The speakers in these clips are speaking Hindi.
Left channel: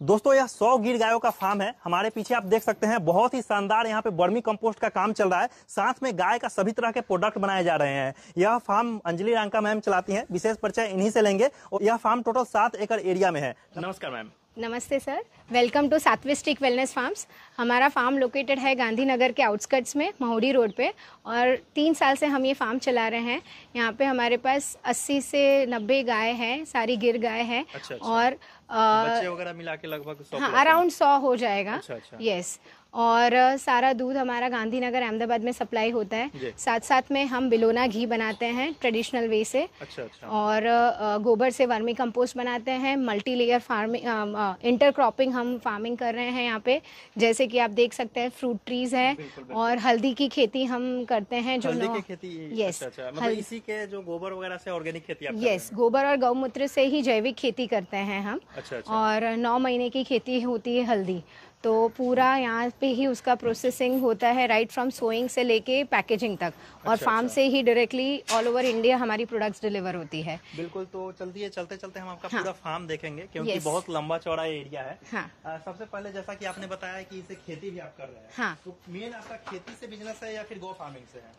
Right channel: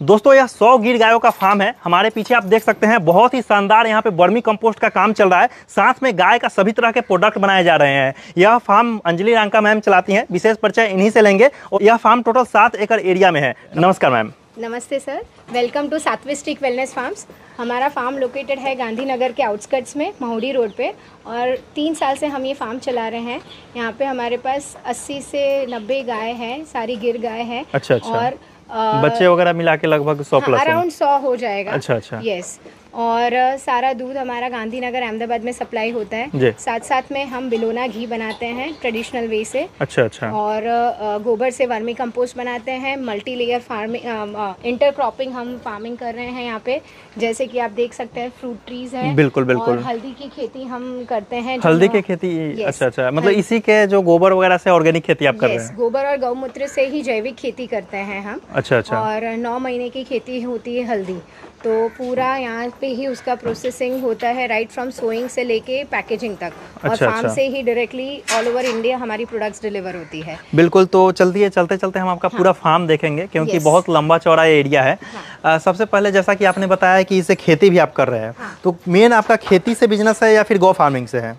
दोस्तों यह 100 गिर गायों का फार्म है। हमारे पीछे आप देख सकते हैं बहुत ही शानदार यहाँ पे वर्मी कंपोस्ट का काम चल रहा है। साथ में गाय का सभी तरह के प्रोडक्ट बनाए जा रहे हैं। यह फार्म अंजलि रांका मैम चलाती हैं। विशेष परिचय इन्हीं से लेंगे। और यह फार्म टोटल 7 एकड़ एरिया में है। नमस्कार मैम। नमस्ते सर, वेलकम टू सात्विक वेलनेस फार्म्स। हमारा फार्म लोकेटेड है गांधीनगर के आउटस्कर्ट्स में, महुडी रोड पे, और 3 साल से हम ये फार्म चला रहे हैं। यहाँ पे हमारे पास 80 से 90 गाय हैं, सारी गिर गाय हैं। अच्छा। और बच्चे वगैरह मिला के लगभग 100 प्लस, अराउंड 100 हो जाएगा। अच्छा। यस। और सारा दूध हमारा गांधीनगर अहमदाबाद में सप्लाई होता है। साथ साथ में हम बिलोना घी बनाते हैं ट्रेडिशनल वे से। अच्छा। और गोबर से वर्मी कंपोस्ट बनाते हैं। मल्टी लेयर फार्मिंग, इंटरक्रॉपिंग हम फार्मिंग कर रहे हैं यहाँ पे। जैसे कि आप देख सकते हैं फ्रूट ट्रीज हैं। बिल्कुल। और हल्दी की खेती हम करते हैं। हल्दी की खेती? अच्छा। मतलब इसी के जो गोबर वगैरह से ऑर्गेनिक खेती आप कर रहे हैं? गोबर और गौमूत्र से ही जैविक खेती करते हैं हम। अच्छा। और 9 महीने की खेती होती है हल्दी। तो पूरा यहाँ पे ही उसका प्रोसेसिंग होता है, राइट फ्रॉम सोइंग से लेके पैकेजिंग तक। और फार्म से ही डायरेक्टली ऑल ओवर इंडिया हमारी प्रोडक्ट्स डिलीवर होती है। बिल्कुल। तो चलते चलते हम आपका पूरा फार्म देखेंगे, क्योंकि बहुत लंबा चौड़ा एरिया है। सबसे पहले जैसा कि आपने बताया कि इसे खेती भी आप कर रहे हैं, तो मेन आपका खेती से बिजनेस है या फिर गौ फार्मिंग से है?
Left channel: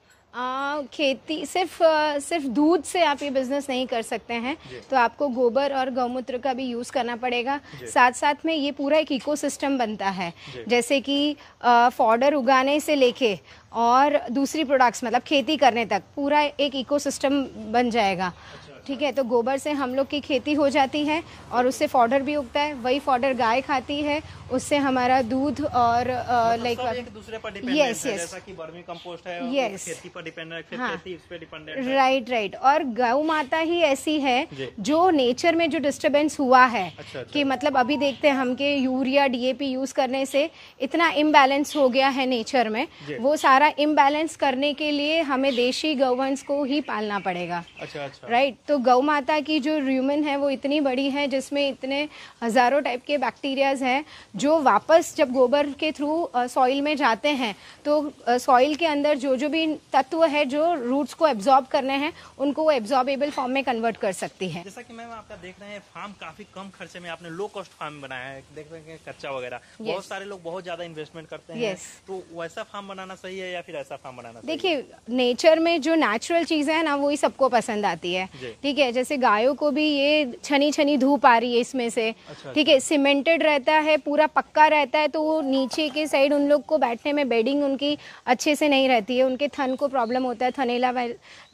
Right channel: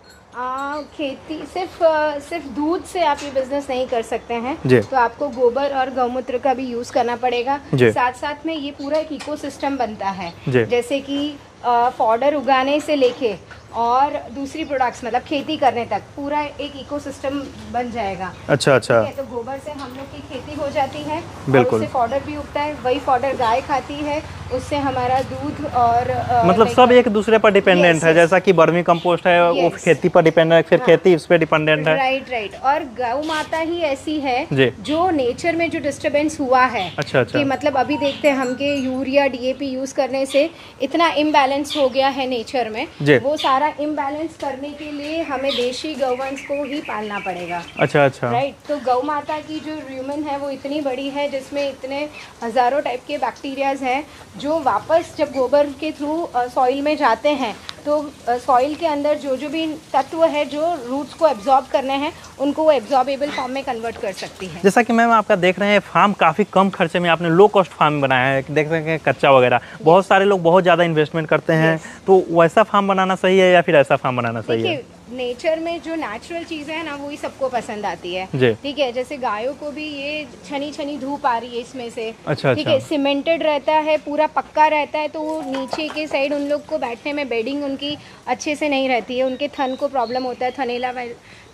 खेती सिर्फ दूध से आप ये बिजनेस नहीं कर सकते हैं। तो आपको गोबर और गौमूत्र का भी यूज करना पड़ेगा। साथ साथ में ये पूरा एक इकोसिस्टम बनता है। जैसे कि फॉडर उगाने से लेके और दूसरी प्रोडक्ट्स मतलब खेती करने तक पूरा एक इकोसिस्टम बन जाएगा। अच्छा। ठीक है। तो गोबर से हम लोग की खेती हो जाती है और उससे फॉडर भी उगता है। वही फॉडर गाय खाती है, उससे हमारा दूध और मतलब सब एक दूसरे पर डिपेंडेंट है। जैसा कि वर्मी कंपोस्ट है वो खेती पर डिपेंडेंट है, फिर खेती उस पर डिपेंडेंट है। राइट। और गौ माता ही ऐसी है जो नेचर में जो डिस्टर्बेंस हुआ है। अच्छा। कि मतलब अभी देखते हैं हम के यूरिया डीएपी यूज करने से इतना इम्बैलेंस हो गया है नेचर में। वो सारा इम्बैलेंस करने के लिए हमें देशी गौवंश को ही पालना पड़ेगा। अच्छा। राइट। तो गौ माता की जो र्यूमेन है वो इतनी बड़ी है, जिसमें इतने हजारों टाइप के बैक्टीरियाज हैं जो वापस जब गोबर के थ्रू सॉइल में जाते हैं तो सॉइल के अंदर जो भी तत्व है जो रूट्स को एब्जॉर्ब करने हैं उनको वो एब्जॉर्बेबल फॉर्म में कन्वर्ट कर सकती है। जैसा कि मैम आपका देख रहे हैं फार्म काफ़ी कम खर्चे में आपने लो कॉस्ट फार्म बनाया है। देख रहे हैं कच्चा वगैरह, बहुत सारे लोग बहुत ज़्यादा इन्वेस्टमेंट करते हैं। तो वैसा फार्म बनाना सही है या फिर ऐसा फार्म बनाना सही है? नेचर में जो नेचुरल चीजें है ना वही सबको पसंद आती है। ठीक है। जैसे गायों को भी ये छनी धूप आ रही है इसमें से। ठीक है। सीमेंटेड रहता है, पूरा पक्का रहता है, तो वो नीचे की साइड उन लोग को बैठने में बेडिंग उनकी अच्छे से नहीं रहती है, उनके थन को प्रॉब्लम होता है, थनेला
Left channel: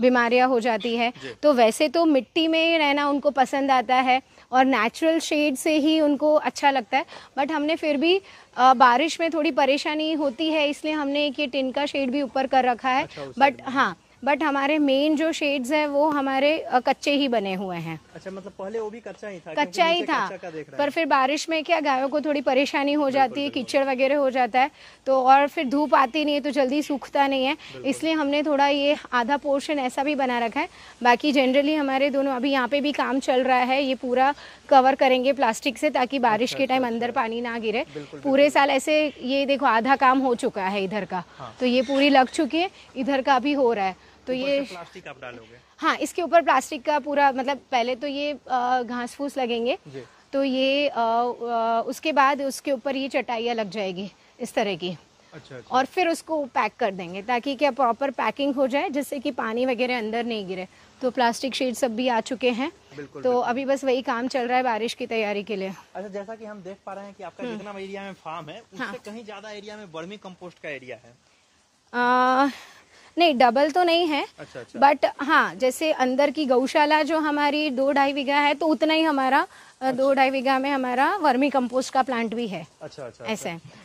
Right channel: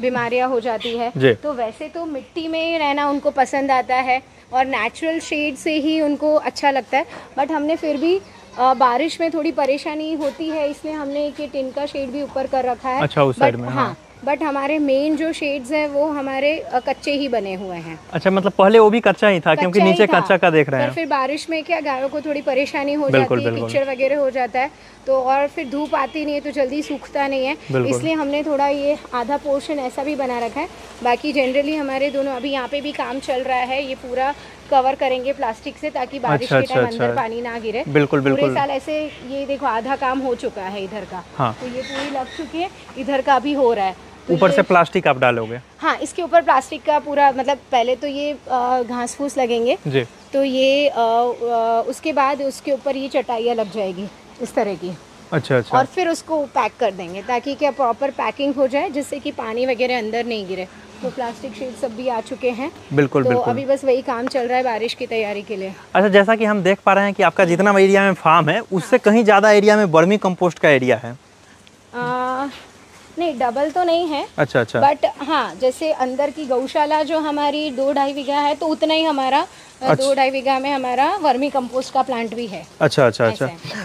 बीमारियां हो जाती है। तो वैसे तो मिट्टी में रहना उनको पसंद आता है और नेचुरल शेड से ही उनको अच्छा लगता है। बट हमने फिर भी बारिश में थोड़ी परेशानी होती है, इसलिए हमने एक ये टिन का शेड भी ऊपर कर रखा है। अच्छा, उस साइड में। हाँ। बट हमारे मेन जो शेड्स हैं वो हमारे कच्चे ही बने हुए हैं। अच्छा। मतलब पहले वो भी कच्चा ही था, क्योंकि नीचे कच्चा का देख रहे हैं। फिर बारिश में क्या गायों को थोड़ी परेशानी हो जाती है, कीचड़ वगैरह हो जाता है, तो और फिर धूप आती नहीं है तो जल्दी सूखता नहीं है, इसलिए हमने थोड़ा ये आधा पोर्शन ऐसा भी बना रखा है। बाकी जनरली हमारे दोनों अभी यहाँ पे भी काम चल रहा है, ये पूरा कवर करेंगे प्लास्टिक से ताकि बारिश के टाइम अंदर पानी ना गिरे। बिल्कुल। पूरे साल ऐसे ये देखो आधा काम हो चुका है इधर का। हाँ। तो ये पूरी लग चुकी है, इधर का भी हो रहा है। तो ऊपर से प्लास्टिक आप डालोगे? हाँ, इसके ऊपर प्लास्टिक का पूरा मतलब पहले तो ये घास फूस लगेंगे जी। तो ये उसके बाद उसके ऊपर ये चटाइयाँ लग जाएगी इस तरह की। अच्छा। और फिर उसको पैक कर देंगे ताकि क्या प्रॉपर पैकिंग हो जाए, जिससे कि पानी वगैरह अंदर नहीं गिरे। तो प्लास्टिक शीट सब भी आ चुके हैं। बिल्कुल। तो अभी बस वही काम चल रहा है बारिश की तैयारी के लिए। अच्छा। जैसा कि हम देख पा रहे हैं कि आपका जितना एरिया में फार्म है उससे कहीं ज्यादा एरिया में वर्मी कंपोस्ट का एरिया है। नहीं, डबल तो नहीं है। अच्छा। बट हाँ, जैसे अंदर की गौशाला जो हमारी 2-2.5 बीघा है तो उतना ही हमारा 2-2.5 बीघा में हमारा वर्मी कंपोस्ट का प्लांट भी है। अच्छा।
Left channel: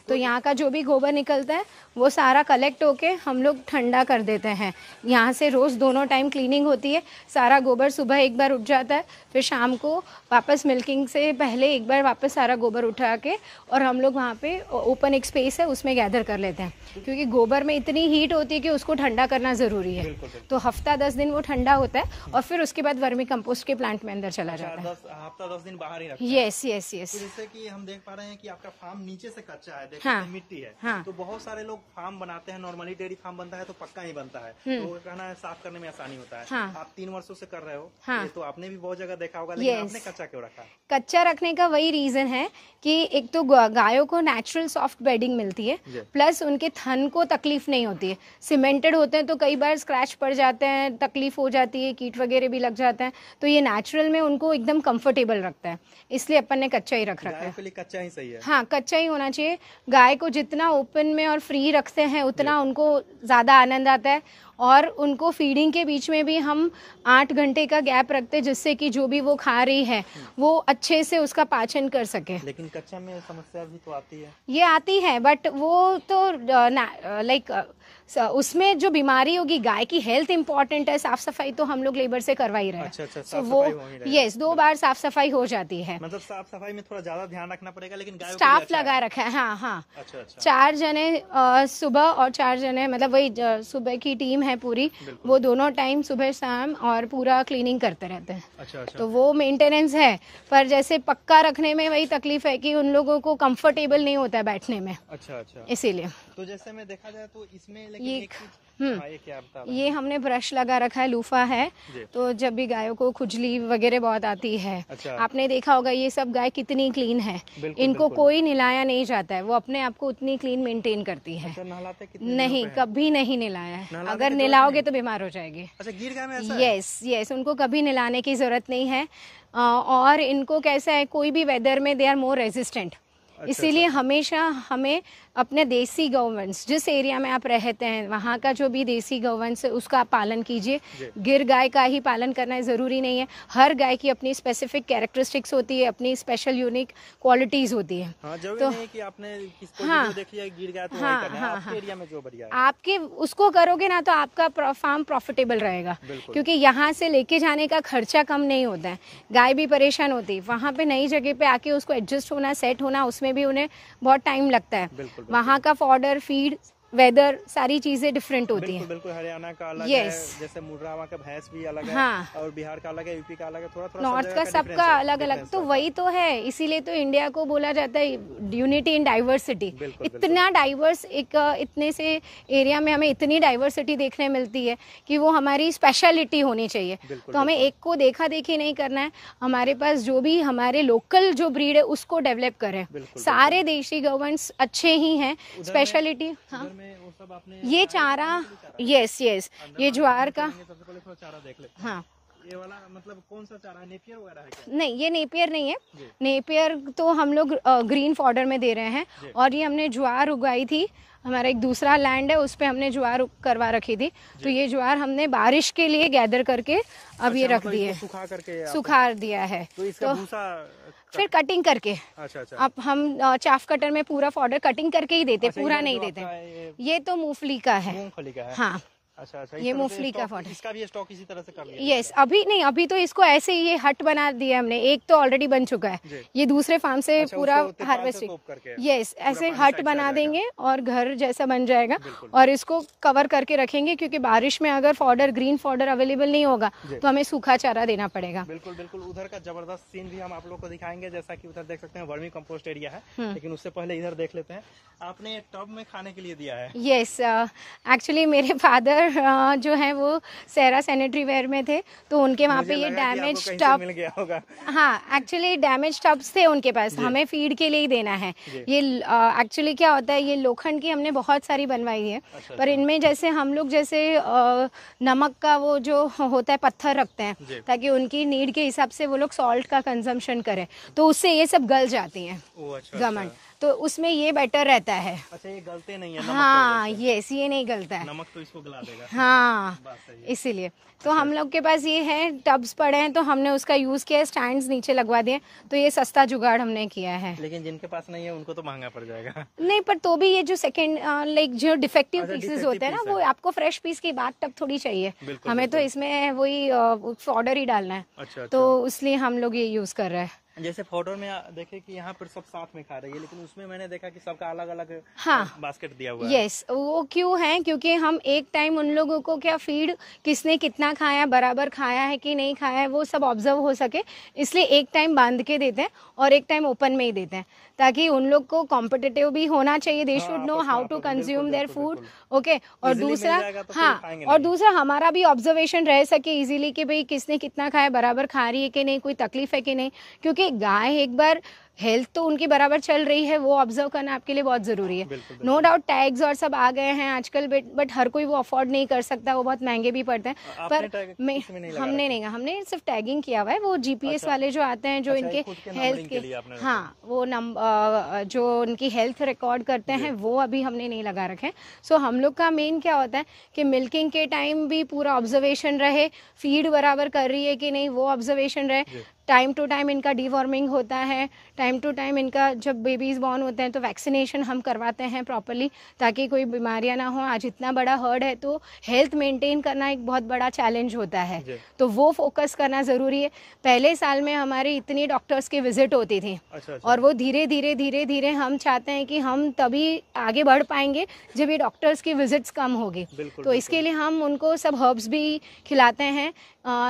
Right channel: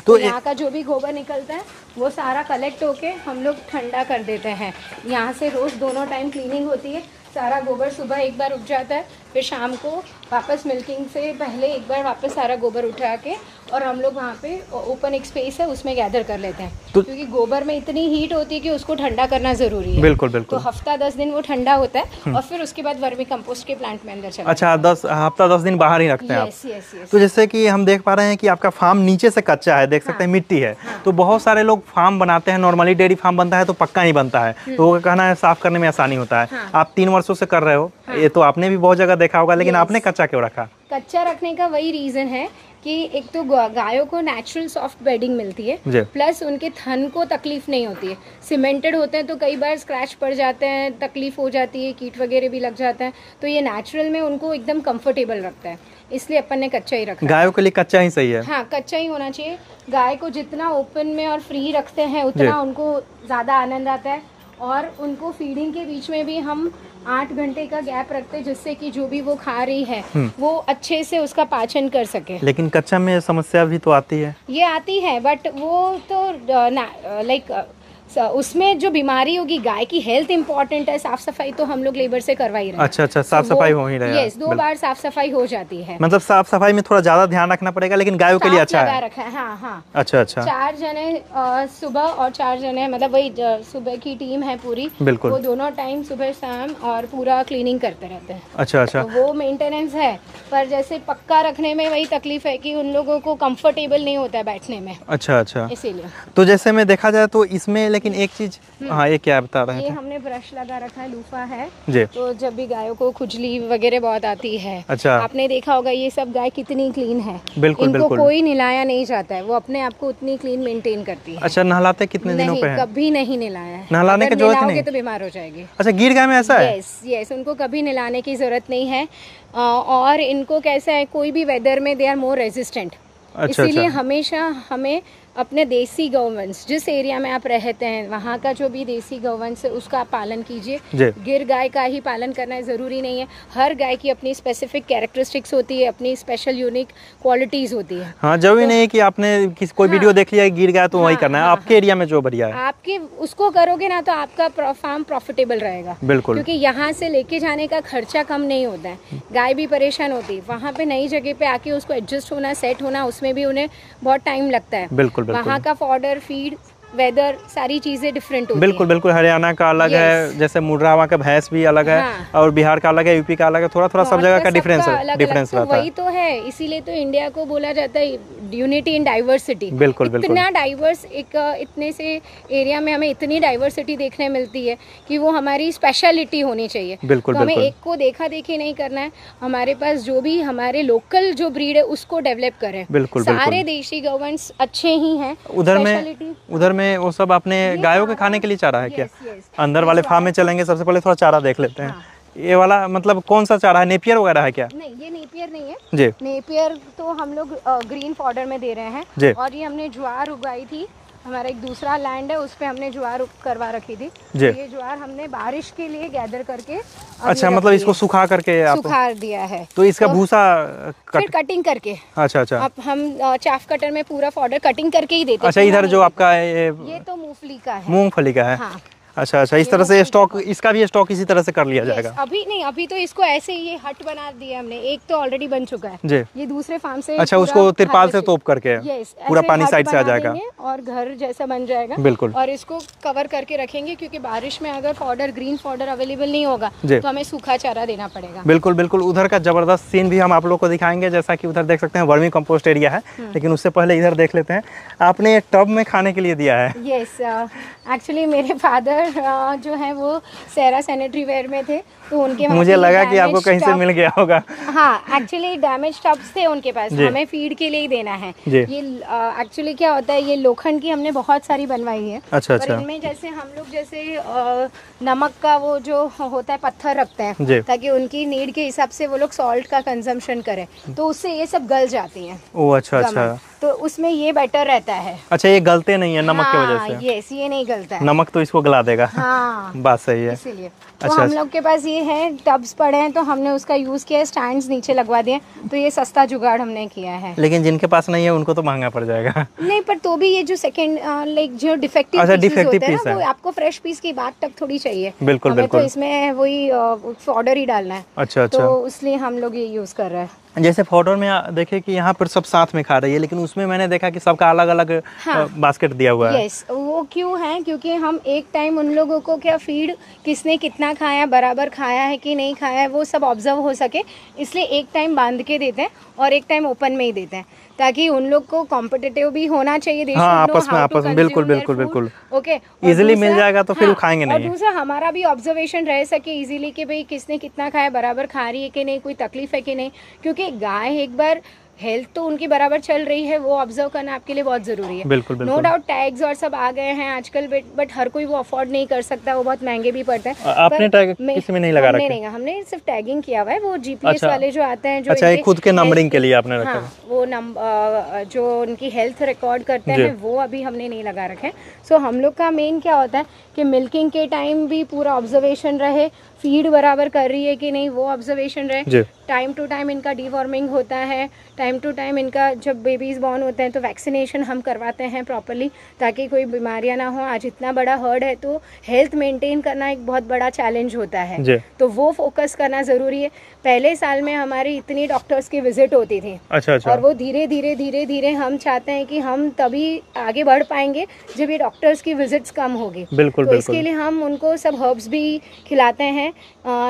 तो यहाँ का जो भी गोबर निकलता है वो सारा कलेक्ट होके हम लोग ठंडा कर देते हैं। यहाँ से रोज दोनों टाइम क्लीनिंग होती है। सारा गोबर सुबह एक बार उठ जाता है, फिर शाम को वापस मिल्किंग से पहले एक बार वापस सारा गोबर उठा के और हम लोग वहाँ पे ओपन एक स्पेस है उसमें गैदर कर लेते हैं। तो क्योंकि गोबर में इतनी हीट होती है कि उसको ठंडा करना जरूरी है। बिल्कुल। तो हफ्ता 10 दिन वो ठंडा होता है और फिर उसके बाद वर्मी कंपोस्ट के प्लांट में अंदर चला। अच्छा। हफ्ता 10 दिन बाहर ही रखते हैं? यस। तो जैसे कि हम देख पा रहे हैं कि आपका फार्म नीचे से कच्चा है, देख सकते हैं मिट्टी है। तो बहुत सारे लोग फार्म बनाते हैं, नॉर्मली डेयरी फार्म बनता है तो पक्का ही बनता है, तो वो कहना है साफ करने में आसानी होता है। आप 3 वर्षों से कर रहे हो, ये तो आपने भी बहुत जगह देखा होगा, लेकिन आपने कच्चा क्यों रखा? कच्चा रखने का वही रीजन है कि एक तो गायों को नेचुरल सॉफ्ट बेडिंग मिलती है, प्लस उनके थन को तकलीफ नहीं होती है। सीमेंटेड होते हैं तो कई बार स्क्रैच पड़ जाते हैं, तकलीफ हो जाती है, कीट वगैरह भी लग जाता है, तो ये नेचुरल में उनको एकदम कंफर्टेबल रखता है, इसलिए अपन ने कच्चा ही रखा है। गायों के लिए कच्चा ही सही है। हाँ, कच्चा ही होना चाहिए। गाय को जितना ओपन में और फ्री रखते हैं उतना उनको ज्यादा आनंद आता है। और उनको फीडिंग के बीच में भी हम 8 घंटे का गैप रखते हैं, जिससे कि जो भी वो खा रही है वो अच्छे से उसका पाचन कर सके। लेकिन कच्चा में समस्या भी तो आती है। ये आती है, बट वो तो लाइक उसमें जो बीमारी होगी, गाय की हेल्थ इंपॉर्टेंट है, साफ सफाई तो हम लोग लेबर से करवा ही रहे हैं। अच्छा, साफ सफाई हो ही रहा है। यस, 2 बार साफ सफाई हो जाती है। मतलब साफ सफाई में थोड़ा ज्यादा ध्यान रखना पड़ेगा, लेकिन गायों के लिए अच्छा है। रखा है। हाँ। अच्छा। 4 जने सुबह और 4 जने, मतलब वही सुबह की टीम है पूरी, बिल्कुल, वो दोनों टाइम सुबह शाम और पूरा क्लीनिंग करते रहते हैं। अच्छा। वो मेंटेनेंस है, पर जैसे पक्का रखने में वही तकलीफ है कि उन लोगों को कंफर्टेबल नहीं होता है बैठने में। अच्छा, इसीलिए। तो जैसे में देखा जाए तो इसमें लेकिन एक चीज, हाँ, ये क्या बता रहे हैं? ये हमने ब्रश लगा रखा है, लूफा है जी। तो जब भी गायों को खुजली वगैरह बहुत आती है, अच्छा, आपने देखा होगा ये सब गाय कितनी क्लीन है। इनको कोई नहलाया नहीं जाता है, वो अपने आप को उतनी क्लीन मेंटेन करती है। अच्छा, नहलाते कितने दिनों पे है? कभी नहीं नहलाया है। नहलाने की जरूरत नहीं, तो बीमार हो जाएगी। अच्छा, गिर गाय में ऐसा है? यस, उनको कभी नहलाने की जरूरत नहीं है। और इनको कैसा है, कोई भी वेदर में दे आर मोर रेजिस्टेंट। इसीलिए हमेशा हमें अपने देसी गौवंश, जिस एरिया में आप रहते हैं वहाँ का जो भी देसी गौवंश है उसका आप पालन कीजिए। गिर गाय का ही पालन करना जरूरी नहीं है। हर गाय की अपनी स्पेसिफिक कैरेक्टरिस्टिक्स होती है, अपनी स्पेशल यूनिक क्वालिटीज होती है। हाँ, जरूरी नहीं है कि आपने कोई वीडियो देख लिया गिर गाय तो वही करना है। आपके एरिया में जो बढ़िया है आपके उसको करोगे ना, तो आपका फार्म प्रॉफिटेबल रहेगा। बिल्कुल, क्योंकि यहाँ से लेके जाने का खर्चा कम नहीं होता है। गाय भी परेशान होती है, वहाँ पे नई जगह पे आके उसको एडजस्ट होना, सेट होना, उसमें भी उन्हें बहुत टाइम लगता है। बिल्कुल, वहाँ का फॉडर, फीड, वेदर, सारी चीजें डिफरेंट होती हैं। बिल्कुल, हरियाणा का अलग है, जैसे मुर्रावा का भैंस भी अलग है, और बिहार का अलग है, यूपी का अलग है, थोड़ा सब जगह का डिफरेंस रहता है। वही तो है, इसीलिए तो इंडिया को बोला जाता है यूनिटी इन डाइवर्सिटी। बिल्कुल, इतना डाइवर्स, इतने से एरिया में हमें इतनी डाइवर्सिटी देखने मिलती है कि वो हमारी स्पेशलिटी होनी चाहिए। बिल्कुल, तो हमें एक को देखा देखी नहीं करना है। हमारे पास जो भी हमारे लोकल जो ब्रीड है उसको डेवलप करें। बिल्कुल, सारे देशी गौवंश अच्छे ही हैं। उधर में वो सब अपने गायों के खाने के लिए चारा है। यस। अंदर वाले फार्म में चलेंगे, सबसे पहले थोड़ा चारा देख लेते हैं। ये वाला मतलब कौन सा चारा है? नेपियर वगैरह है क्या? नहीं, ये नेपियर नहीं है जी। नेपियर तो हम लोग ग्रीन फॉडर में दे रहे हैं। और ये हमने ज्वार उगाई थी, हमारा एक दूसरा लैंड है, उस पे हमने ज्वार करवा रखी थी। तो ये ज्वार हमने बारिश के लिए गैदर करके, अच्छा, मतलब इसको सुखा करके सुखा दिया है। तो इसका भूसा कटिंग करके, अच्छा, अब हम चाफ कटर में पूरा फॉडर कटिंग करके ही देते हैं। अच्छा, इधर जो आपका ये तो मूंगफली का है। मूंगफली का है। हाँ। अच्छा, इस तरह से स्टॉक, इसका भी स्टॉक इसी तरह से कर लिया जाएगा। अभी नहीं, अभी तो इसको ऐसे ही हट बना दिया हमने। एक तो ऑलरेडी बन चुका है, ये दूसरे फार्म से। अच्छा, उसको तिरपाल से तोप करके पूरा पानी साइड से आ जाएगा और घर जैसा बन जाएगा। बिल्कुल, और इसको कवर करके रखेंगे, क्योंकि बारिश में अगर फॉडर, ग्रीन फॉडर अवेलेबल नहीं होगा तो हमें सूखा चारा देना पड़ेगा। बिल्कुल, उधर का जबरदस्त सीन भी हम आप लोग को दिखाएंगे। जैसा कि उधर देख सकते हैं वर्मी कंपोस्ट एरिया है, लेकिन उससे पहले इधर देख लेते हैं। आपने टब में खाने के लिए दिया है? यस, एक्चुअली मेरे फादर जो है वो सेरा सैनिटरी वेयर में थे, तो उनके मुझे लगा कि आपको कहीं से मिल गया होगा। हाँ, एक्चुअली डैमेज टब्स थे उनके पास, हमें फीड के लिए ही देना है। ये एक्चुअली क्या होता है, ये लोखंड की हमने बहुत सारी बनवाई है। अच्छा। पर इनमें जैसे हम लोग जैसे नमक का वो जो होता है पत्थर रखते हैं, ताकि उनकी नीड के हिसाब से वो लोग सॉल्ट का कंजम्पशन करें, तो उससे ये सब गल जाती है। ओह, अच्छा। तो उसमें ये बेटर रहता है। अच्छा, ये गलते नहीं है नमक की वजह से? यस, ये नहीं गलता है, नमक तो इसको गला देगा। हाँ, बात सही है, इसीलिए। तो हम लोग के पास ये है, टब्स पड़े हैं, तो हमने उसका यूज किया, स्टैंड्स नीचे लगवा दिए, तो ये सस्ता जुगाड़ हमने किया है। लेकिन जिनके पास नहीं है उनको तो महंगा पड़ जाएगा। नहीं, पर तो भी ये जो सेकंड लाइक जो डिफेक्टिव पीस होते हैं ना, वो आपको फ्रेश पीस की बात तब थोड़ी चाहिए। बिल्कुल, तो इसमें वही फॉडर ही डालना है। अच्छा। तो इसलिए हम लोग ये यूज कर रहे हैं। जैसे फॉडर में देखे कि यहाँ पर सब साथ में खा रही है, लेकिन उसमें मैंने देखा कि सबका अलग अलग बास्केट दिया हुआ है। यस, वो क्यों है, क्योंकि हम एक टाइम उन लोगों को क्या फीड किसने कितना खाया, बराबर खाया है कि नहीं खाया है, वो सब ऑब्जर्व हो सके, इसलिए एक टाइम बांध के देते हैं और एक टाइम ओपन में ही देते हैं, ताकि उन लोग को कॉम्पिटिटिव भी होना चाहिए। आपस में बिल्कुल ओके, इजीली मिल जाएगा तो फिर वो खाएंगे नहीं। और दूसरा हमारा भी ऑब्जर्वेशन रह सके इजीली कि भाई किसने कितना खाया, बराबर खा रही है कि नहीं, कोई तकलीफ है कि नहीं, क्योंकि गाय एक बार हेल्थ तो उनकी बराबर चल रही है, वो ऑब्जर्व करना आपके लिए बहुत जरूरी है। बिल्कुल बिल्कुल। नो डाउट टैग्स और सब आ गए हैं आजकल, बट हर कोई वो अफोर्ड नहीं कर सकता, वो बहुत महंगे भी पड़ते हैं। आपने टैग किसी में नहीं लगा रखा? नहीं, हमने सिर्फ टैगिंग किया हुआ है, वो जीपीएस वाले जो आते हैं, जो अच्छा, खुद के नंबरिंग के लिए आपने रखा? हाँ, वो नंबर जो उनकी हेल्थ रिकॉर्ड करते हैं वो अभी हमने नहीं लगा रखे। सो हम लोग का मेन क्या होता है कि मिल्किंग के टाइम भी पूरा ऑब्जर्वेशन रहे, फीड बराबर कर रही है कि नहीं वो ऑब्जर्वेशन रहे, टाइम टू टाइम इनका डिवॉर्मिंग होता है, टाइम टू टाइम इनका जब बेबीज बॉर्न होते हैं तो वैक्सीनेशन हम करवाते हैं प्रॉपरली, ताकि कोई बीमारियां ना हो। आज इतना बड़ा हर्ड है तो हेल्थ मेंटेन करना एक बहुत बड़ा चैलेंज होता है, तो वो फोकस करना जरूरी है। पहले साल में हमारी इतनी डॉक्टर्स की विजिट होती थी। अच्छा। और वो धीरे धीरे हम चाहते हैं कि हम तभी आगे बढ़ पाएंगे जब ये डॉक्टर्स की विजिट्स कम होगी। तो इसके लिए हम उनको सब हर्ब्स भी खिलाते हैं।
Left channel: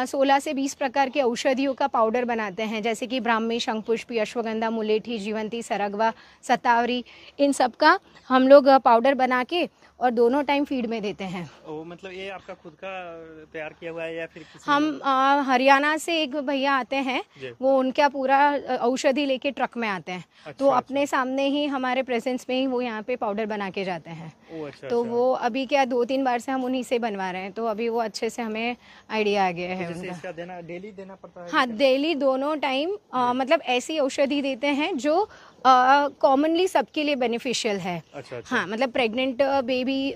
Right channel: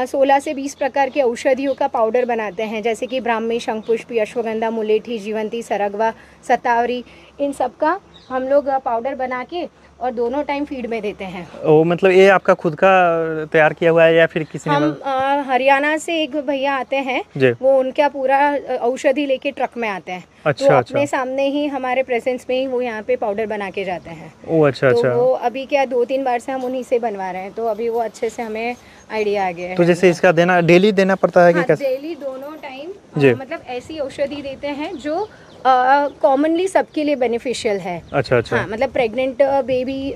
16 से 20 प्रकार के औषधियों का पाउडर बनाते हैं, जैसे कि ब्राह्मी, शंखपुष्पी, अश्वगंधा, मुलेठी, जीवंती, सरगवा, सतावरी, इन सब का हम लोग पाउडर बना के और दोनों टाइम फीड में देते हैं। ओ, मतलब ये आपका खुद का तैयार किया हुआ है या फिर किसी हम हरियाणा से एक भैया आते हैं, वो उनका पूरा औषधि लेके ट्रक में आते हैं। तो अपने सामने ही हमारे प्रेजेंस में ही वो यहाँ पे पाउडर बना के जाते हैं। तो वो अभी क्या 2-3 बार से हम उन्हीं से बनवा रहे हैं, तो अभी वो अच्छे से हमें आइडिया आ गया है। तो जैसे इसका देना डेली देना पड़ता है? हाँ, डेली दोनों टाइम, मतलब ऐसी औषधि देते हैं जो कॉमनली सबके लिए बेनिफिशियल है। अच्छा। हाँ, मतलब प्रेग्नेंट बेबी,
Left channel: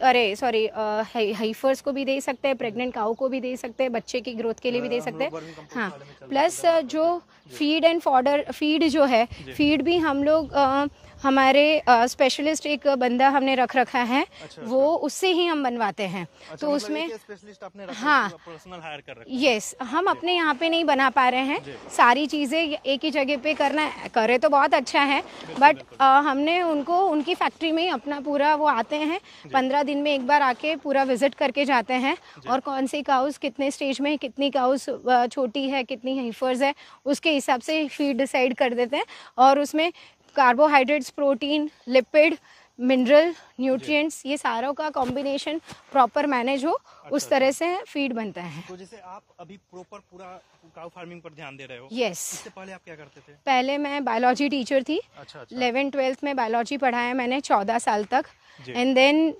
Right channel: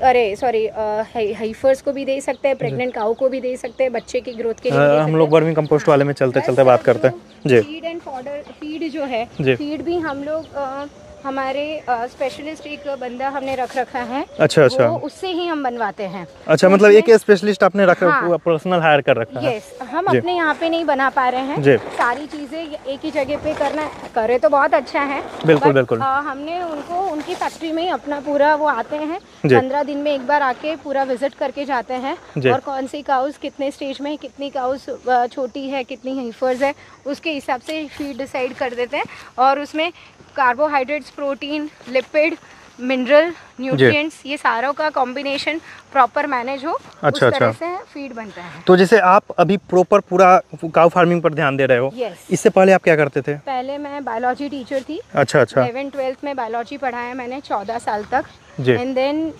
हाइफर्स को भी दे सकते हैं, प्रेग्नेंट काऊ को भी दे सकते हैं, बच्चे की ग्रोथ के लिए भी दे सकते हैं। हम लोग वर्मी कंपोस्ट वाले में चलते बात करते हैं। फीड एंड फॉडर, फीड जो है, फीड भी हम लोग हमारे स्पेशलिस्ट एक बंदा हमने रखा है। अच्छा। वो उससे ही हम बनवाते हैं। अच्छा, मतलब एक स्पेशलिस्ट आपने रखा, पर्सनल हायर कर रखा है? यस, हम अपने यहाँ पे नहीं बना पा रहे हैं सारी चीजें एक ही जगह पे करना, करे तो बहुत अच्छा है। बिल्कुल। हमने उनको उनकी फैक्ट्री में अपना पूरा वो आते हैं, 15 दिन में एक बार आके पूरा विजिट करके जाते हैं, और कौन सी काउस कितने स्टेज में, कितनी काउस छोटी है, कितनी हाइफर्स है, उसके हिसाब से फीड डिसाइड कर देते हैं। और उसमें carbohydrates, protein, lipid, mineral, nutrients, ये सारों का कॉम्बिनेशन प्रॉपर मैनेज हो, उस तरह से फीड बनता है। तो जैसे आप अभी प्रॉपर पूरा काऊ फार्मिंग पर ध्यान दे रहे हो? इससे पहले आप क्या करते थे? पहले मैं बायोलॉजी टीचर थी। अच्छा। 11th-12th में बायोलॉजी पढ़ाया मैंने 14 साल तक। एंड देन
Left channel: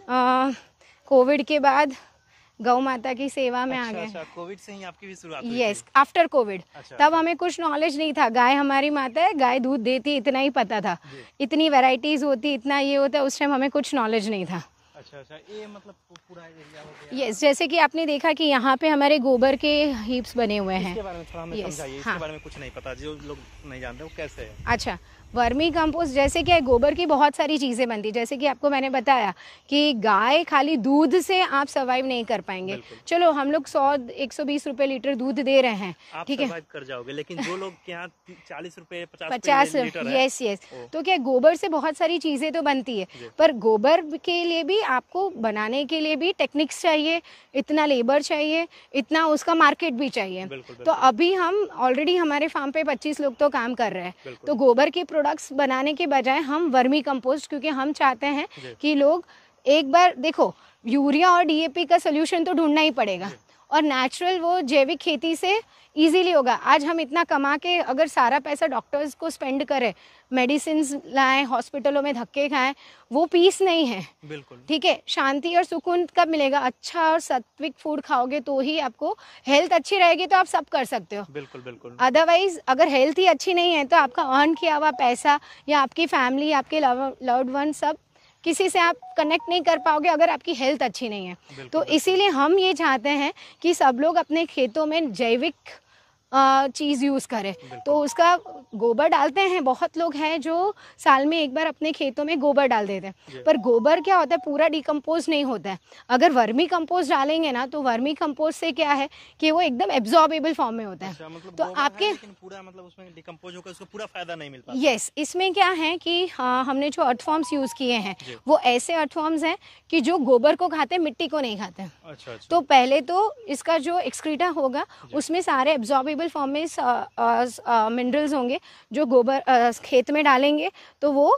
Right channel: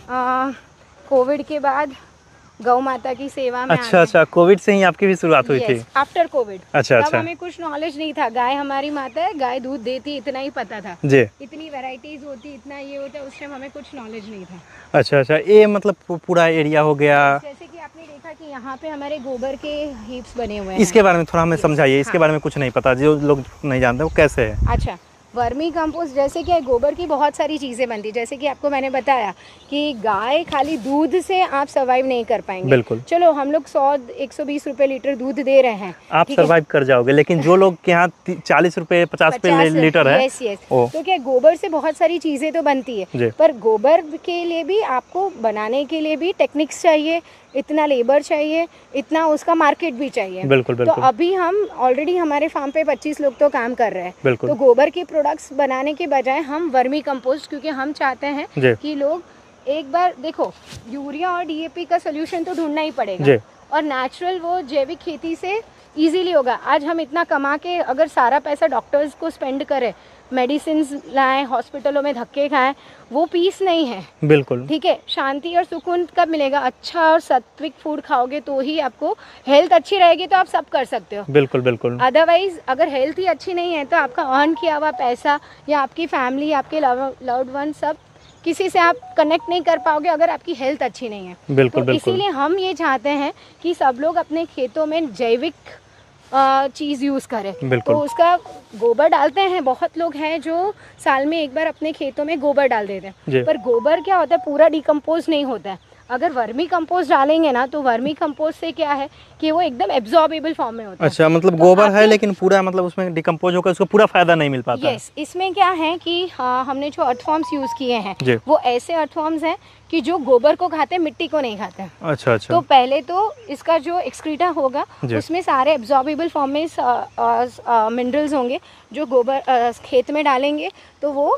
कोविड के बाद गौ माता की सेवा में। अच्छा, कोविड से ही आपकी भी शुरुआत हुई थी? After Covid. तब हमें कुछ नॉलेज नहीं था, गाय हमारी माता है, गाय दूध देती, इतना ही पता था। इतनी वैरायटीज होती, इतना ये होता, उस टाइम हमें कुछ नॉलेज नहीं था। अच्छा, ये मतलब पूरा एरिया हो गया। जैसे कि आपने देखा कि यहाँ पे हमारे गोबर के हीप्स बने हुए हैं। इसके बारे में थोड़ा हमें समझाइए। इसके बारे में कुछ नहीं पता, जो लोग नहीं जानते वो कैसे है? अच्छा, वर्मी कंपोस्ट जैसे कि गोबर की बहुत सारी चीजें बनती है। जैसे कि आपको मैंने बताया कि गाय खाली दूध से आप सर्वाइव नहीं कर पाएंगे। बिल्कुल। चलो हम लोग 100-120 रुपए लीटर दूध दे रहे हैं, आप सर्वाइव कर जाओगे, लेकिन जो लोग के यहाँ 40 रुपए 50 रुपए लीटर है, तो क्या गोबर से बहुत सारी चीजें तो बनती है, पर गोबर के लिए भी आपको बनाने के लिए भी टेक्निक्स चाहिए, इतना लेबर चाहिए, इतना उसका मार्केट भी चाहिए। बिल्कुल। तो अभी हम ऑलरेडी हमारे फार्म पे 25 लोग तो काम कर रहे हैं। तो गोबर के प्रोडक्ट्स बनाने के बजाय हम वर्मी कंपोस्ट, क्योंकि हम चाहते हैं कि लोग एक बार देखो, यूरिया और डीएपी का सोल्यूशन तो ढूंढना ही पड़ेगा, और नेचुरल वो जैविक खेती से इजीली होगा। आज हम इतना कमा के अगर सारा पैसा डॉक्टर्स को स्पेंड करें, मेडिसिन लाएं, हॉस्पिटलों में धक्के खाएं, वो पीस नहीं है। बिल्कुल ठीक है। शांति और सुकून कब मिलेगा? अच्छा और सात्विक फूड खाओगे तो ही आपको हेल्थ अच्छी रहेगी, तो आप सब कर सकते हो। बिल्कुल। अदरवाइज अगर हेल्थ ही अच्छी नहीं है तो आपका अर्न किया हुआ पैसा या आपकी फैमिली, आपके लव्ड वन, सब किसी से आप कनेक्ट नहीं कर पाओगे अगर आपकी हेल्थ अच्छी नहीं है। बिल्कुल। तो इसीलिए हम ये चाहते हैं कि सब लोग अपने खेतों में जैविक चीज यूज करें। तो उसका गोबर डालते हैं, बहुत लोग हैं जो साल में एक बार अपने खेतों में गोबर डाल देते हैं, पर गोबर क्या होता है, पूरा डिकम्पोज नहीं होता है। अगर वर्मी कंपोस्ट डालेंगे ना, तो वर्मी कंपोस्ट से क्या है कि वो एकदम एब्जॉर्बेबल फॉर्म में होता है। अच्छा, मतलब तो गोबर है लेकिन पूरा मतलब उसमें डिकम्पोज होकर उसको पूरा फायदा नहीं मिल पाता। यस, इसमें क्या है कि हमने जो अर्थफॉर्म्स यूज किए हैं वो ऐसे अर्थफॉर्म्स हैं कि जो गोबर को खाते हैं, मिट्टी को नहीं खाते हैं। अच्छा। तो पहले तो इसका जो एक्सक्रीटा होगा उसमें सारे एब्जॉर्बेबल फॉर्म में मिनरल्स होंगे, जो गोबर खेत में डालेंगे तो वो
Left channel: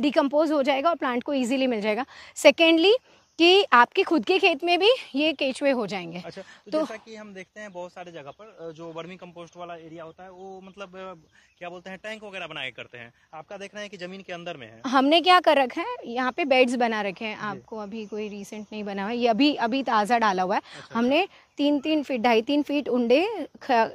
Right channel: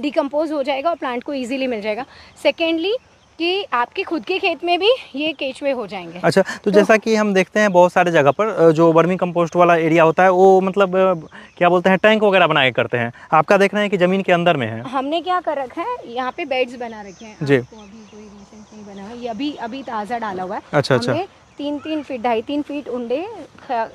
डिकम्पोज हो जाएगा और प्लांट को इजीली मिल जाएगा। सेकेंडली कि आपके खुद के खेत में भी ये केचुए हो जाएंगे। अच्छा, तो जैसा कि हम देखते हैं बहुत सारे जगह पर जो वर्मी कंपोस्ट वाला एरिया होता है वो मतलब क्या बोलते हैं टैंक वगैरह बना के करते हैं, आपका देख रहे हैं कि जमीन के अंदर में है। हमने क्या कर रखा है, यहाँ पे बेड्स बना रखे हैं। आपको अभी कोई रिसेंट नहीं बना हुआ, ये अभी ताज़ा डाला हुआ है। अच्छा, हमने 3-3 फीट 2.5-3 फीट उंडे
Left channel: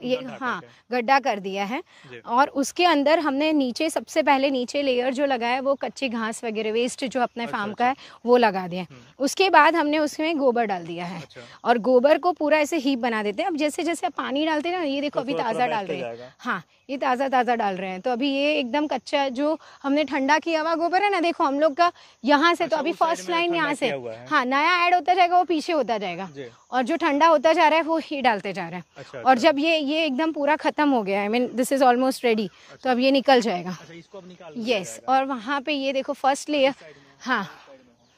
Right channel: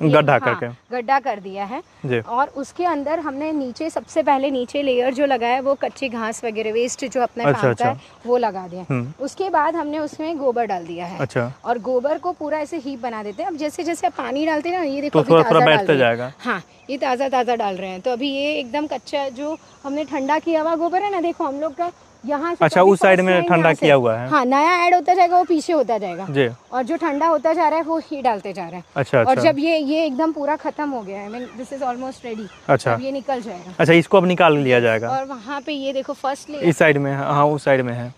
गड्ढा कर दिया है। और उसके अंदर हमने नीचे सबसे पहले नीचे लेयर जो लगाया है वो कच्चे घास वगैरह वेस्ट जो अपने फार्म का है वो लगा दिया। उसके बाद हमने उसमें गोबर डाल दिया है। अच्छा। और गोबर को पूरा ऐसे हीप बना देते हैं। अब जैसे जैसे आप पानी डालते हैं ना, ये देखो तो अभी ताज़ा बैठता जाएगा। हाँ, ये ताज़ा डाल रहे हैं। तो अभी ये एकदम कच्चा है, जो हमने ठंडा किया हुआ गोबर है ना, देखो हम लोग का यहाँ से। अच्छा, उस साइड में ठंडा किया हुआ है। हाँ, नया ऐड होता जाएगा, वो पीछे होता जाएगा और जो ठंडा होता जा रहा है वो ही डालते जा रहा है। अच्छा, और जब ये एकदम पूरा खत्म हो गया, I mean this is almost ready. अच्छा, अब ये निकल जाएगा। अच्छा, इसको अब निकाल लिया जाएगा। और वहाँ पे ये देखो फर्स्ट लेयर इस साइड में। हाँ, उस साइड में है,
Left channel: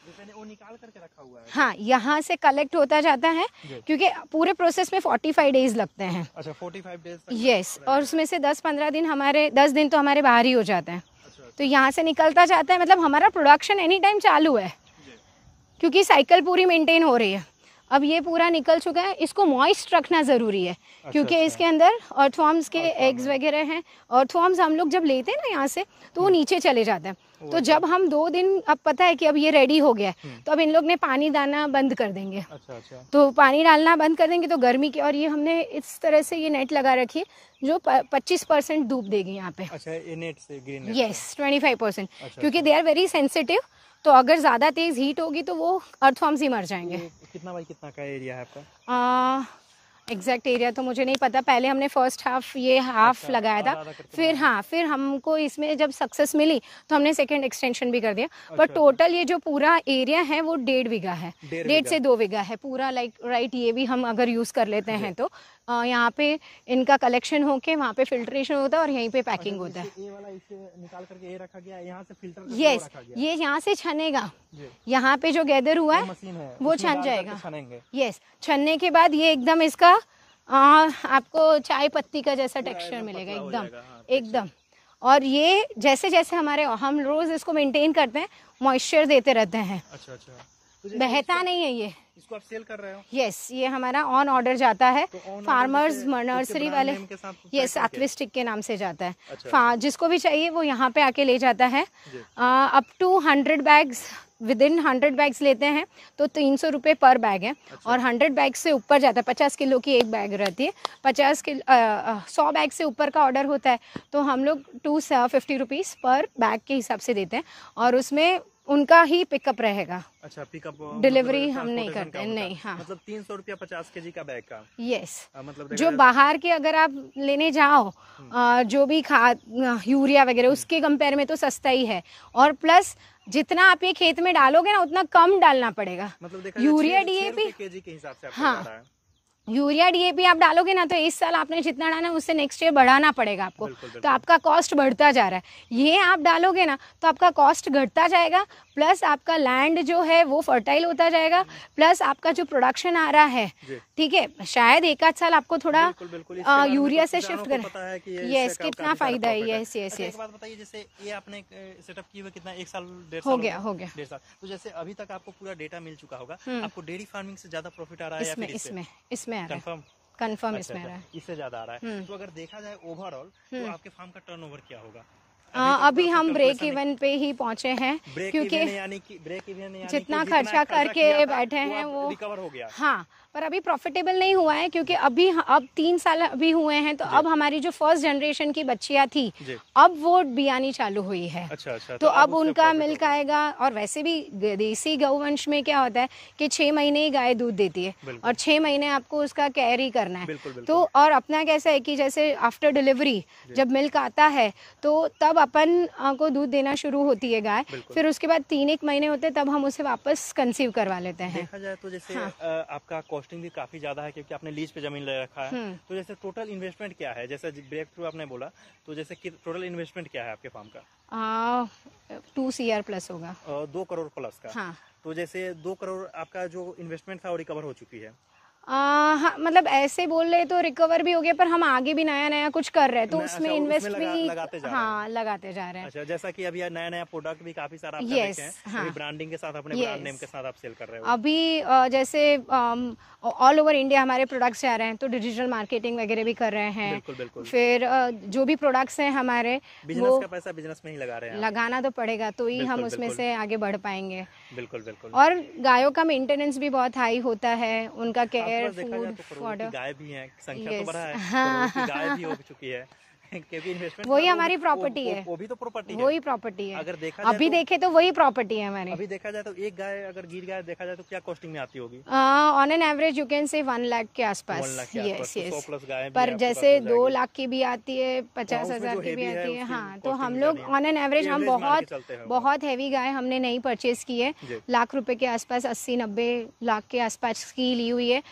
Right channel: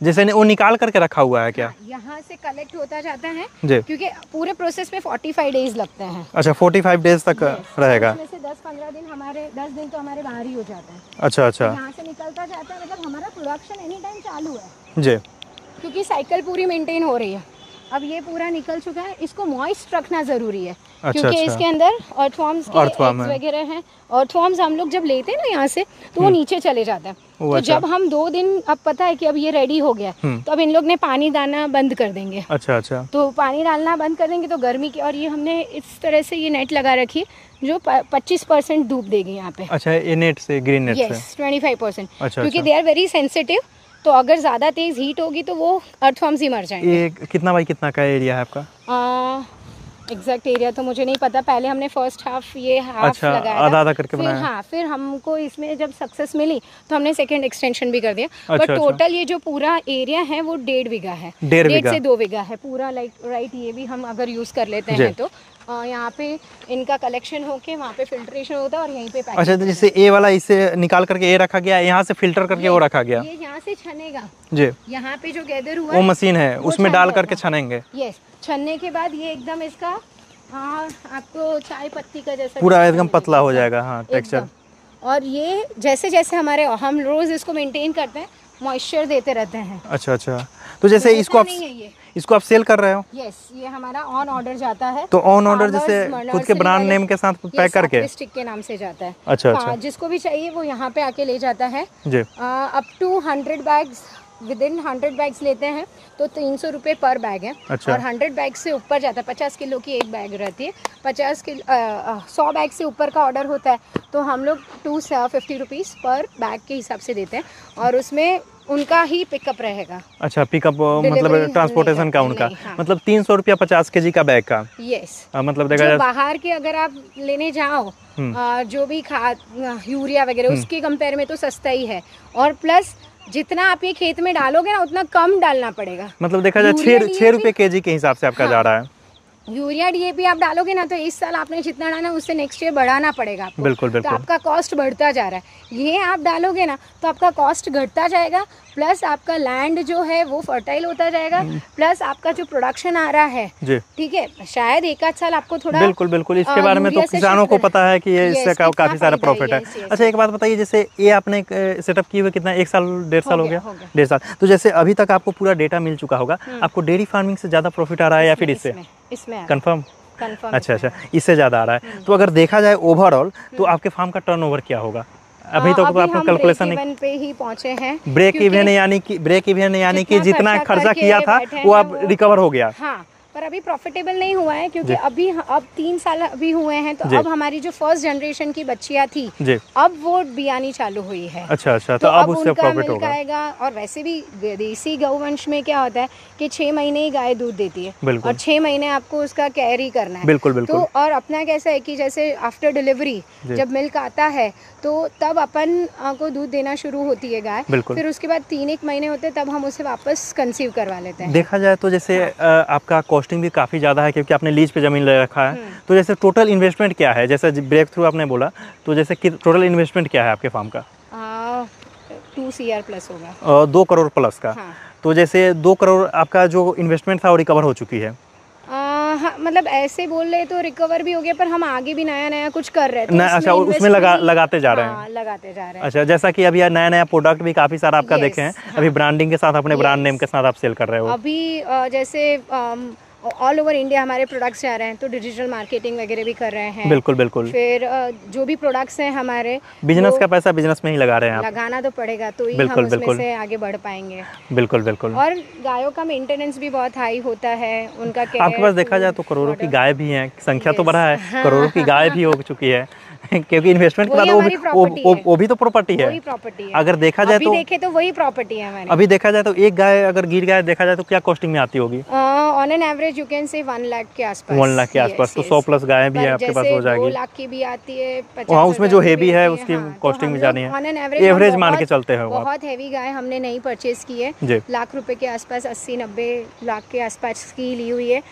जैसे वो निकाल करके रखा हुआ है क्या? हाँ, यहाँ से कलेक्ट होता जाता है क्योंकि पूरे प्रोसेस में 45 डेज लगते हैं। अच्छा, 45 डेज तक रहेगा। उसमें से 10-15 दिन हमारे 10 दिन तो हमारे बाहर ही हो जाते हैं। अच्छा, तो यहाँ से निकलता जाता है, मतलब हमारा प्रोडक्शन एनी टाइम चालू है जी, क्योंकि साइकिल पूरी मेंटेन हो रही है। अब ये पूरा निकल चुका है, इसको मॉइस्ट रखना जरूरी है। क्योंकि इसके अंदर अर्थवर्म्स के एग्स वगैरह हैं। अर्थवर्म्स हम लोग जब लेते हैं ना यहाँ से, तो वो नीचे चले जाते हैं। तो जब हम 2 दिन, अब पता है कि अब ये रेडी हो गया, तो अब इन लोग ने पानी डालना बंद कर देंगे। अच्छा। तो पानी डालना बंद कर देंगे तो गर्मी की, और ये हमने इस तरह से ये नेट लगा रखी जो 25% धूप देगी यहाँ पे। अच्छा, ये नेट से, ग्रीन नेट से? यस, 25%। क्योंकि दे आर वेरी सेंसिटिव, तो अगर ज्यादा तेज हीट होगी तो वो अर्थवर्म्स ही मर जाएंगे। ये कितना बाई कितना का एरिया है आपका? एग्जैक्ट एरिया तो मुझे नहीं पता। पहले हमने फर्स्ट हाफ लगाया, आधा करके बनाया। हाँ, फिर हमको इसमें जब सक्सेस मिली तो हमने सेकंड एक्सटेंशन भी कर दिया। बट टोटल ये जो पूरा एरिया है वो 1.5 बीघा है, 1.5 से 2 बीघा है पूरा। राइट, ये भी हम अगर यूज कर लेते हैं तो यहाँ पे इनका कलेक्शन होके वहाँ पे फिल्ट्रेशन होता है और यहीं पे पैकिंग। अच्छा, तो जैसे ए वाला इसे निकाल करके ए रखा गया, यहाँ से फिल्टर करके वो रखा गया। ये यहाँ से छनेगा जी, यहाँ पे जो गैदर हुआ वो मशीन है, उसमें डाल करके छनेंगे। यस, छनने के बाद ये एकदम इसका आपको चाय पत्ती का जैसा पूरा एकदम पतला हो जाएगा। हाँ, टेक्सचर। और ये जैसे जैसे हम रोज इसको मेंटेन करते हैं, मॉइस्चर देते रहते हैं। अच्छा, तो जैसे इसको आप सेल कर रहे हो? यस, ये हमारा ऑन ऑर्डर जाता है। तो ऑन ऑर्डर जैसे खुद के ब्रांड नेम के साथ पैक करके स्टिक के नाम से जाता है। अच्छा, जिसको भी चाहिए वो यहाँ पे आके ले जाता है जी। Up to 100 bags, within 100 bags लेते हैं तो 300 रुपए पर बैग है। अच्छा। और 100 बैग से ऊपर जाता है, 50 किलो की एक बैग रहती है, 100 बैग से ऊपर का ऑर्डर होता है तो हम लोग 250 रुपीज पर बैग के हिसाब से देते हैं और उसमें उनका ही पिकअप रहेगा। अच्छा, पिकअप मतलब ट्रांसपोर्टेशन का उनका। हाँ। मतलब 300 रुपया 50 केजी का बैग का। यस। मतलब देखा जाए बाहर के अगर आप लेने जाओ जो भी खाद यूरिया वगैरह उसके कंपेयर में तो सस्ता ही है। और प्लस जितना आप ये खेत में डालोगे ना उतना कम डालना पड़ेगा। मतलब देखा जाए 6 रुपए केजी के हिसाब से आपका जा रहा है। यूरिया डीएपी आप डालोगे ना तो इस साल आपने जितना डाला उससे नेक्स्ट ईयर बढ़ाना पड़ेगा आपको। बिल्कुल। तो आपका कॉस्ट बढ़ता जा रहा है। ये आप डालोगे ना तो आपका कॉस्ट घटता जाएगा, प्लस आपका लैंड जो है वो फर्टाइल होता जाएगा, प्लस आपका जो प्रोडक्शन आ रहा है, ठीक है, शायद एक आध साल आपको थोड़ा। बिल्कुल इसके बारे में तो किसानों को पता है कि ये इससे काफी सारा प्रॉफिट है। अच्छा, एक बात बताइए, जैसे ये आपने सेटअप किए हुए कितना, 1 साल 1.5 साल हो गया? 1.5 साल। तो जैसे अभी तक आपको पूरा डेटा मिल चुका होगा, आपको डेयरी फार्मिंग से ज्यादा प्रॉफिट आ रहा है या फिर इसमें कंफर्म? अच्छा, इससे ज्यादा आ रहा है। तो अगर देखा जाए ओवरऑल तो आपके फार्म का टर्नओवर क्या होगा? अभी तो आपने कैलकुलेशन नहीं पे ही पहुंचे हैं। ब्रेक इवन यानी कि जितना खर्चा किया था वो अब रिकवर हो गया। हाँ, पर अभी प्रॉफिटेबल नहीं हुआ है क्योंकि अब 3 साल अभी हुए हैं तो अब हमारी जो फर्स्ट जनरेशन की बच्चियां थी अब वो बियानी चालू हुई है। अच्छा, तो अब उससे प्रॉफिट होगा। और वैसे भी देसी गौवंश में क्या होता है कि 6 महीने ही गाय दूध देती है और 6 महीने आपको उसका कैरी करना है। बिल्कुल। तो और अपना कैसा है कि जैसे आफ्टर डिलीवरी जब मिल्क आता है तो तब अपन को दूध देना शुरू होती है गाय, फिर उसके बाद 3-1 महीने होते हैं तब हम उसे वापस कंसीव करवा लेते हैं। देखा जाए तो जैसे आपका कॉस्टिंग भी काफी ज्यादा है क्योंकि आपने लीज पे जमीन ले रखा है, तो जैसे टोटल इन्वेस्टमेंट क्या है? जैसे ब्रेक थ्रू आपने बोला तो जैसे टोटल इन्वेस्टमेंट क्या है आपके फार्म का? 2 CR प्लस होगा। 2 करोड़ प्लस का। हाँ। तो जैसे 2 करोड़ आपका जो इन्वेस्टमेंट था वो रिकवर हो चुकी है? हाँ, मतलब ऐसे बोल रहे तो रिकवर भी हो गया, पर हम आगे भी नया नया कुछ कर रहे हैं। अच्छा, उसमें लगाते जा रहे हैं। हाँ, लगाते जा रहे हैं। अच्छा, जैसा कि अभी नया नया प्रोडक्ट भी काफी सारा आपका देखे हैं। अभी ब्रांडिंग के साथ अपने ब्रांड नेम के साथ आप सेल कर रहे हो। अभी जैसे ऑल ओवर इंडिया हमारे प्रोडक्ट्स जा रहे हैं, तो डिजिटल मार्केटिंग वगैरह भी कर रहे हैं। बिल्कुल बिल्कुल। फिर जो भी प्रोडक्ट्स हैं हमारे, बिजनेस का पैसा बिजनेस में ही लगा रहे हैं आप। लगाना तो पड़ेगा, तो ही हम उसमें से आगे बढ़ पाएंगे। बिल्कुल बिल्कुल। और गायों का मेंटेनेंस भी बहुत हाई होता है, उनका केयर। आपके पास देखा जाए तो करोड़ों की गाय भी हैं, संख्या तो बढ़ा है, करोड़ों की गाय भी हो चुकी है क्योंकि इन्वेस्टमेंट के बाद वो भी तो प्रॉपर्टी है। अगर देखा जाए तो वही प्रॉपर्टी है हमारी। अभी देखा जाए तो एक गाय अगर गिर गाय देखा जाए तो क्या कॉस्टिंग में आती होगी? On an average you can say 1 lakh के आसपास। 1 लाख के आसपास। तो 100 प्लस गाय भी है आपके पास, हो जाएगी। 2 लाख की भी आती है, 50,000 हाँ, उसमें जो हेवी है उसकी कॉस्टिंग भी जानी है। एवरेज मान के चलते हैं। बहुत हेवी गाय हमने नहीं परचेज की है, लाख रुपए के आसपास, 80-90 लाख के आसपास की ली हुई है।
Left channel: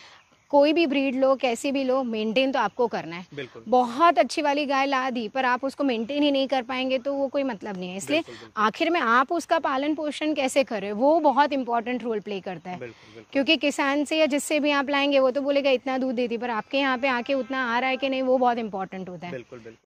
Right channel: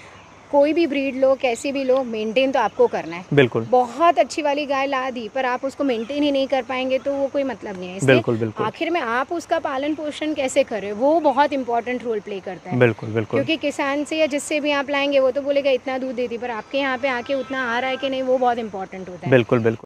कोई भी ब्रीड लो, कैसे भी लो, मेंटेन तो आपको करना है। बिल्कुल। बहुत अच्छी वाली गाय ला दी पर आप उसको मेंटेन ही नहीं कर पाएंगे तो वो कोई मतलब नहीं है। बिल्कुल बिल्कुल। आखिर में आप उसका पालन पोषण कैसे करें, वो बहुत इंपॉर्टेंट रोल प्ले करता है। बिल्कुल बिल्कुल। क्योंकि किसान से या जिससे भी आप लाएंगे वो तो बोलेगा इतना दूध देती, पर आपके यहाँ पे आके उतना आ रहा है कि नहीं, वो बहुत इंपॉर्टेंट होता है। बिल्कुल बिल्कुल।